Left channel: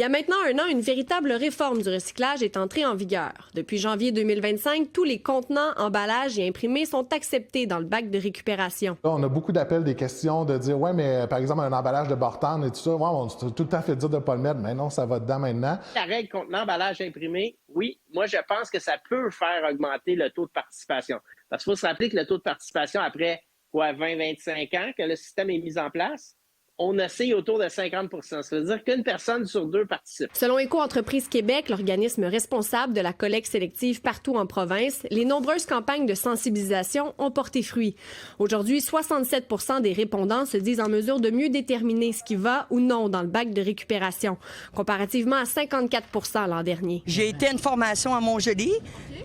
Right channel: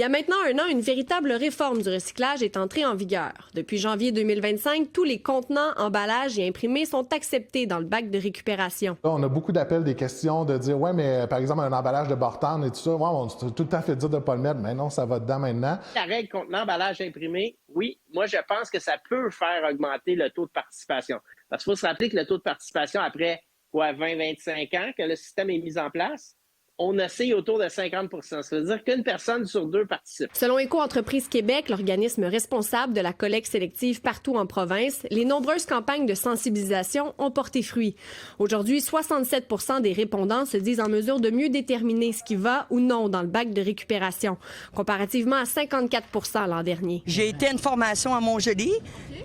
Il y a maintenant un an, une véritable réforme du recyclage est entrée en vigueur. Depuis janvier 2025, tous les contenants, emballages et imprimés sont acceptés dans le bac de récupération. Là, on a beaucoup d'appels, des questions de dire « Ouais, mais par exemple, un emballage de Bartane et tout ça, ouais, on s'est tout le temps fait dire de ne pas le mettre. Mais non, ça va dedans maintenant. » La règle contenant emballage imprimé, oui, moi, je pense que ça peut faire augmenter le taux de participation. Parce qu'il faut se rappeler que le taux de participation, après 20-25 ans que le système est mis en place, on oscille autour de 50 %. Ça veut dire qu'une personne sur deux participe. Selon Éco-entreprise Québec, l'organisme responsable de la collecte sélective partout en province, les nombreuses campagnes de sensibilisation ont porté fruit. Aujourd'hui, 67 % des répondants se disent en mesure de mieux déterminer ce qui va ou non dans le bac de récupération, comparativement à 54 % l'an dernier. J'ai été à une formation à Montjoly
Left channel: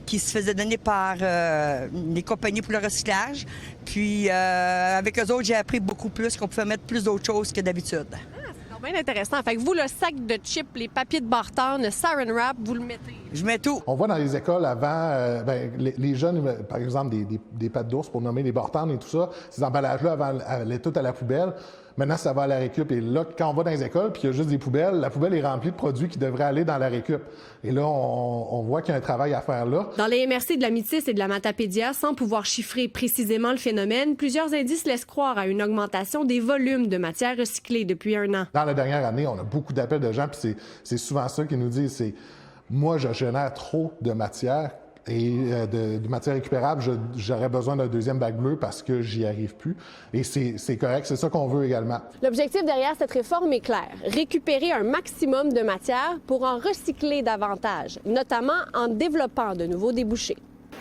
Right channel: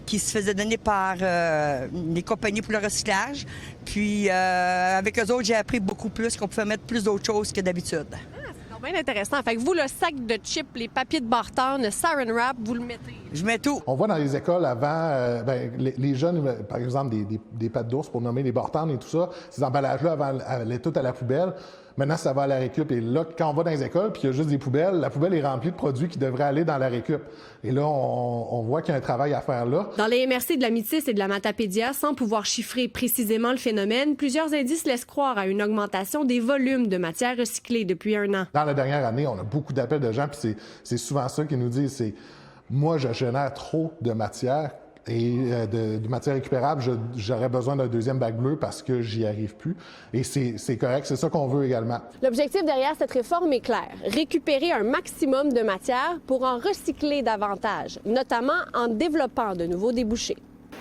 qui se faisait donner par les compagnies pour le recyclage. Puis, avec eux autres, j'ai appris beaucoup plus, qu'on pouvait mettre plus d'autres choses que d'habitude. C'est bien intéressant. Fait que vous, le sac de chips, les papiers de Bartane, le Saran Wrap, vous le mettez? Je mets tout. On voit dans les écoles avant, les jeunes, par exemple, des pâtes d'ours pour nommer les Bartane et tout ça, ces emballages-là allaient tout à la poubelle. Maintenant, ça va à la récup. Et là, quand on va dans les écoles puis qu'il y a juste des poubelles, la poubelle est remplie de produits qui devraient aller dans la récup. Et là, on voit qu'il y a un travail à faire là. Dans les MRC de la Métis et de la Matapédia, sans pouvoir chiffrer précisément le phénomène, plusieurs indices laissent croire à une augmentation des volumes de matières recyclées depuis un an. Dans la dernière année, on a beaucoup d'appels de gens, puis c'est souvent ça qu'ils nous disent, c'est « Moi, je génère trop de matière. » Et de matière récupérable, j'aurais besoin d'un deuxième bac bleu parce que j'y arrive plus. Et c'est correct, c'est ça qu'on veut également. L'objectif derrière cette réforme est clair. Récupérer un maximum de matière pour en recycler davantage, notamment en développant de nouveaux débouchés.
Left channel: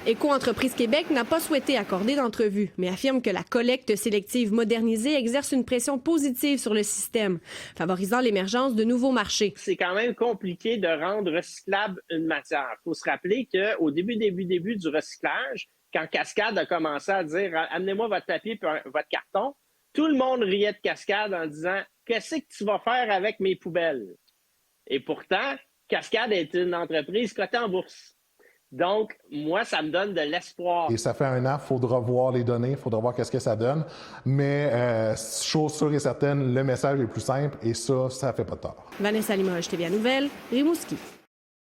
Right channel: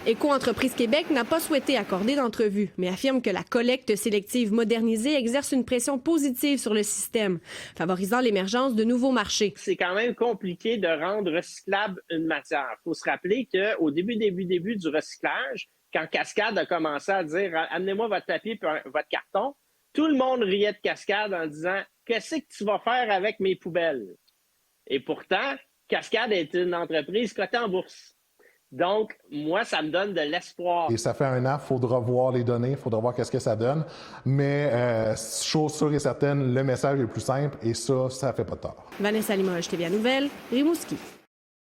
Éco-entreprise Québec n'a pas souhaité accorder d'entrevue, mais affirme que la collecte sélective modernisée exerce une pression positive sur le système, favorisant l'émergence de nouveaux marchés. C'est quand même compliqué de rendre recyclable une matière. Il faut se rappeler qu'au début du recyclage, quand Cascade a commencé à dire « Amenez-moi votre papier et votre carton », tout le monde riait de Cascade en disant « Qu'est-ce que tu vas faire avec mes poubelles? » Et pourtant, Cascade est une entreprise cotée en bourse. Donc, moi, ça me donne de l'espoir. Et ça fait un an, il faudra voir les données, il faudra voir qu'est-ce que ça donne. Mais chose sûre et certaine, le message est plus simple et ça fait pas de tort. Vanessa Limoges, TVA Nouvelles, Rimouski.